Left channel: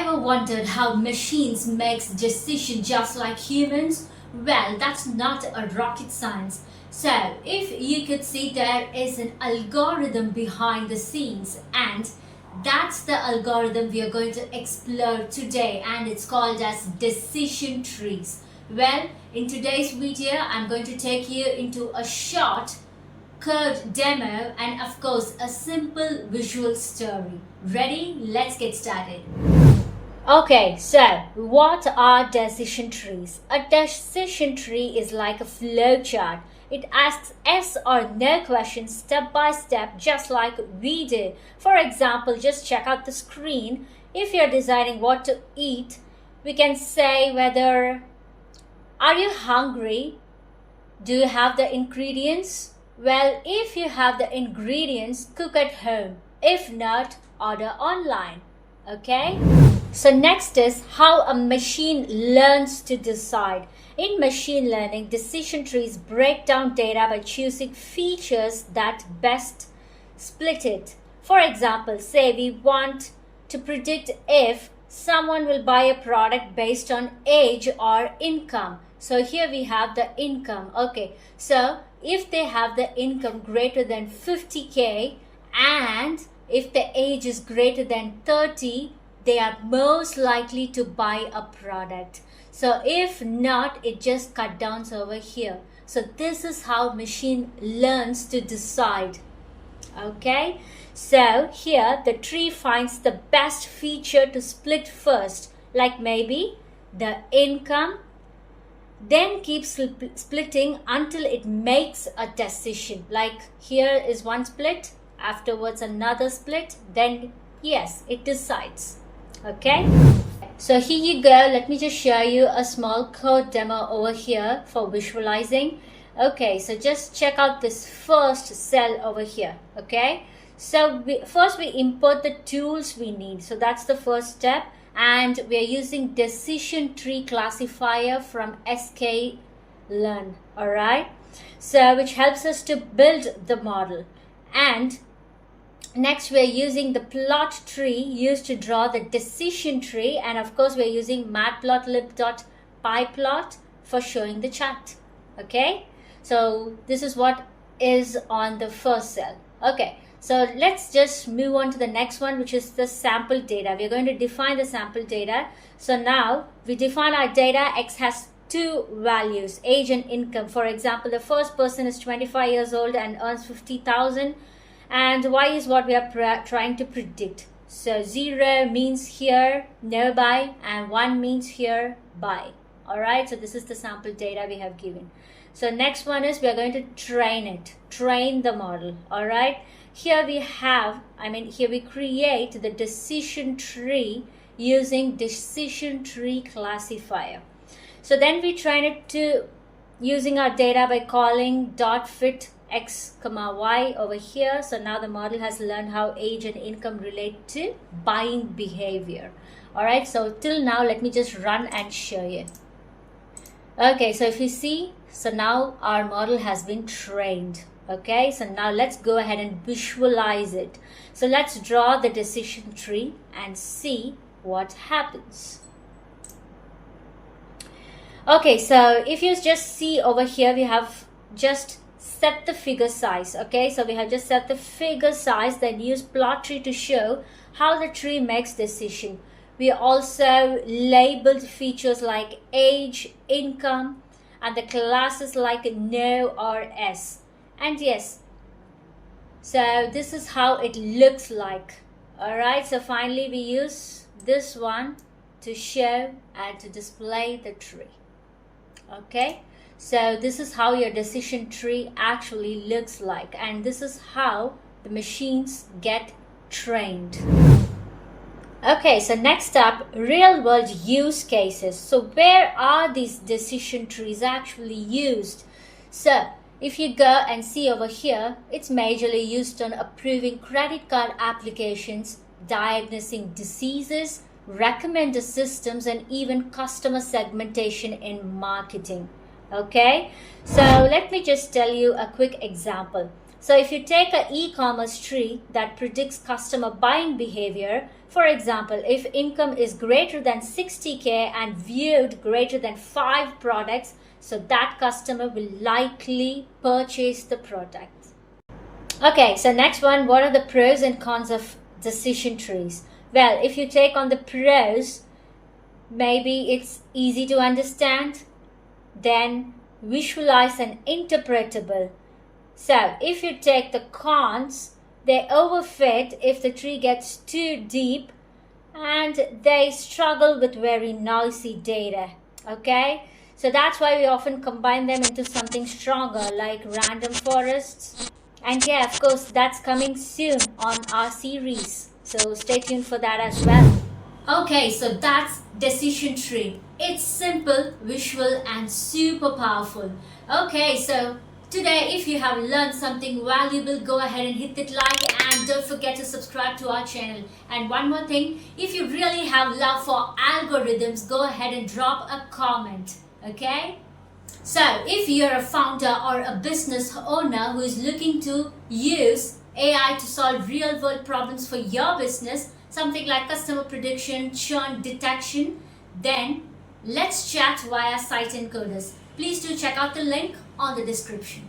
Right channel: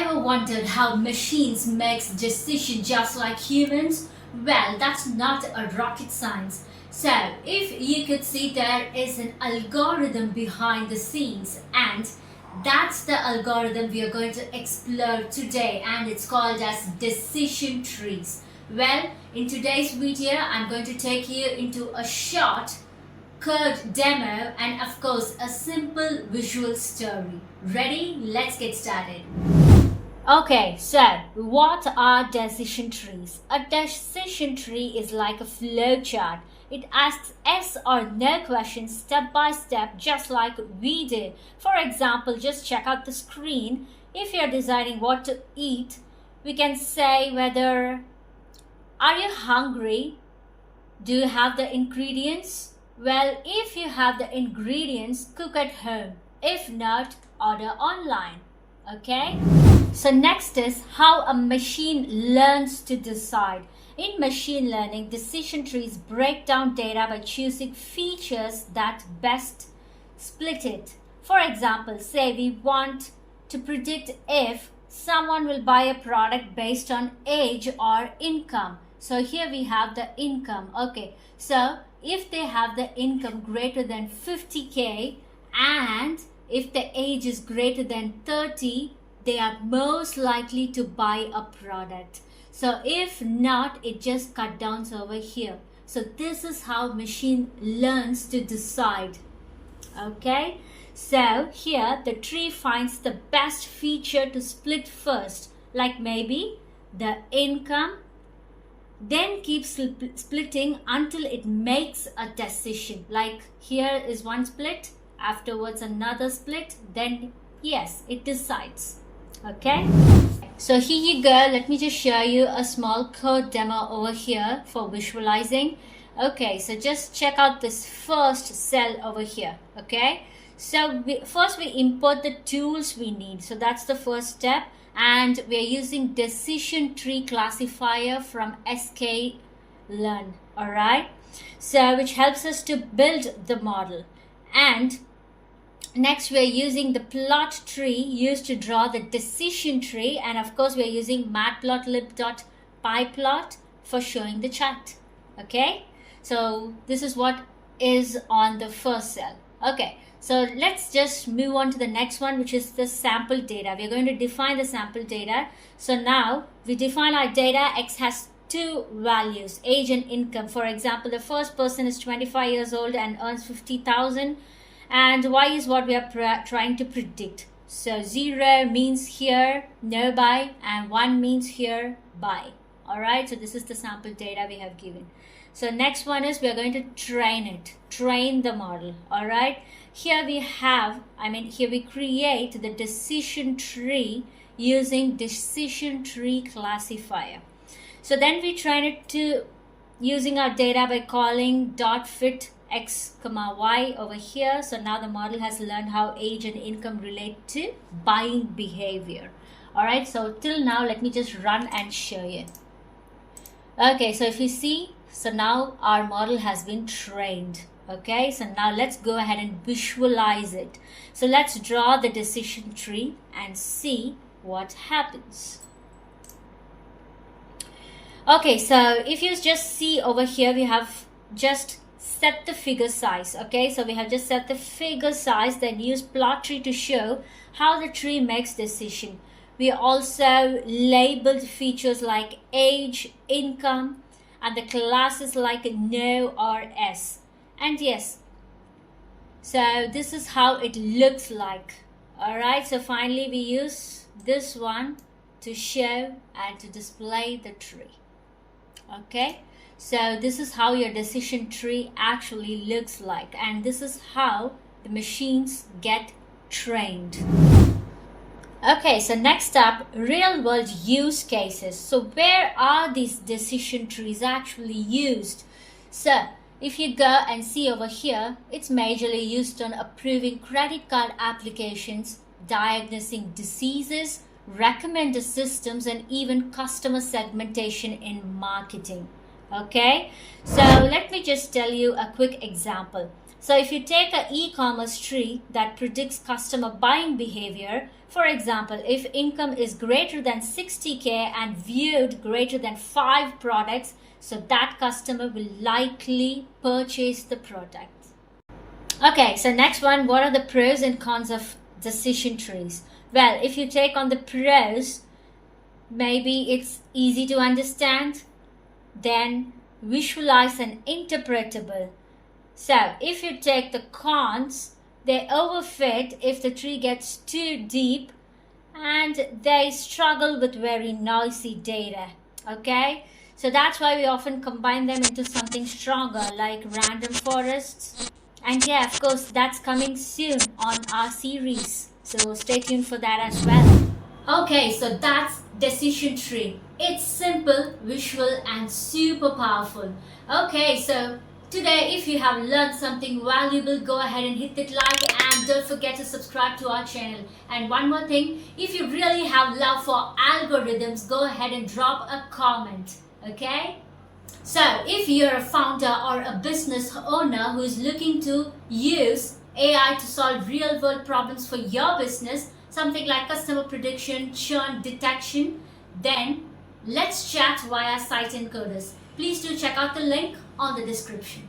ever wondered how machines make decisions just like humans? Well, that's not a rocket science. So, if you could see, there is an algorithm behind the scenes, and that's the algorithm we are going to explore today, and it's called as decision trees. Well, in today's video, I'm going to take you into a short code demo and of course a simple visual story. Ready? Let's get started. Okay, so what are decision trees? A decision tree is like a flow chart. It asks yes or no questions step by step, just like we do. For example, just check out the screen. If you're deciding what to eat, we can say whether, are you hungry? Do you have the ingredients? Well, if you have the ingredients, cook at home. If not, order online. Okay? So next is how a machine learns to decide. In machine learning, decision trees break down data by choosing features that best split it. For example, say we want to predict if someone will buy a product based on age or income. So here we have the income. Okay, so if they have the income greater than 50k and if the age is greater than 30, they are most likely to buy a product. So if not, it just cut down over here. So this is how machine learns to decide. Okay, so here the tree finds the best feature to split first, like maybe the income, then keeps splitting until it makes a decision. Like here is one split, afterwards another split, then yes, it decides. Okay, so here you go. Let me just show you a small code demo over here for visualizing. Okay, so just check out this first cell over here. Okay, so first we import the tools we need. So that's the first step. And we are using decision tree classifier from sklearn. Alright, so which helps us to build the model. And next we are using the plot tree used to draw the decision tree, and of course we are using matplotlib.pyplot for showing the chart. Okay, so this is what is on the first cell. Okay, so let's just move on to the next one, which is the sample data. We're going to define the sample data. So now we define our data. X has two values, age and income. For example, the first person is 25 years old and earns 50,000, and Y is what we are trying to predict. So 0 means here no buy, and 1 means here buy. Alright, so this is the sample data we have given. So next one is we are going to train the model. Alright, here we create the decision tree using decision tree classifier. So then we train it to using our data by calling .fit x, y over here. So now the model has learned how age and income relate to buying behavior. Alright, so till now let me just run and show you. Okay, so if you see, so now our model has been trained. Okay, so now let's go ahead and visualize it. So let's draw the decision tree and see what happens. Okay, so if you just see over here, we have just set the figure size. Okay, so we have just set the figure size, then use plot tree to show how the tree makes decision. We also labeled features like age, income, and the classes like no or s. And yes, so this is how it looks like. Alright, so finally we use this one to show and to display the tree. Okay, so this is how your decision tree actually looks like, and this is how the machines get trained. Okay, so next up, real world use cases. So where are these decision trees actually used? So if you go and see over here, it's majorly used on approving credit card applications, diagnosing diseases, recommender systems, and even customer segmentation in marketing. Okay, so let me just tell you a quick example. So if you take an e-commerce tree that predicts customer buying behavior, For example, if income is greater than 60K and viewed greater than 5 products, so that customer will likely purchase the product. Okay, so next one, what are the pros and cons of decision trees? Well, if you take on the pros, maybe it's easy to understand, then visualize and interpretable. So if you take the cons, they overfit if the tree gets too deep and they struggle with very noisy data. Okay, so that's why we often combine them into something stronger like random forests. And yeah, of course, that's coming soon on our series, so stay tuned for that as well. Okay, so that's decision tree. It's simple, visual, and super powerful. Okay, so today, if you have learned something valuable, go ahead and hit that like and don't forget to subscribe to our channel. And one more thing, if you really have love for algorithms, go ahead and drop a comment. Okay? So, if you're a founder or a business owner who is looking to use AI to solve real world problems for your business, something like customer prediction, churn detection, then let's chat via Site Encoders. Please do check out the link on the description.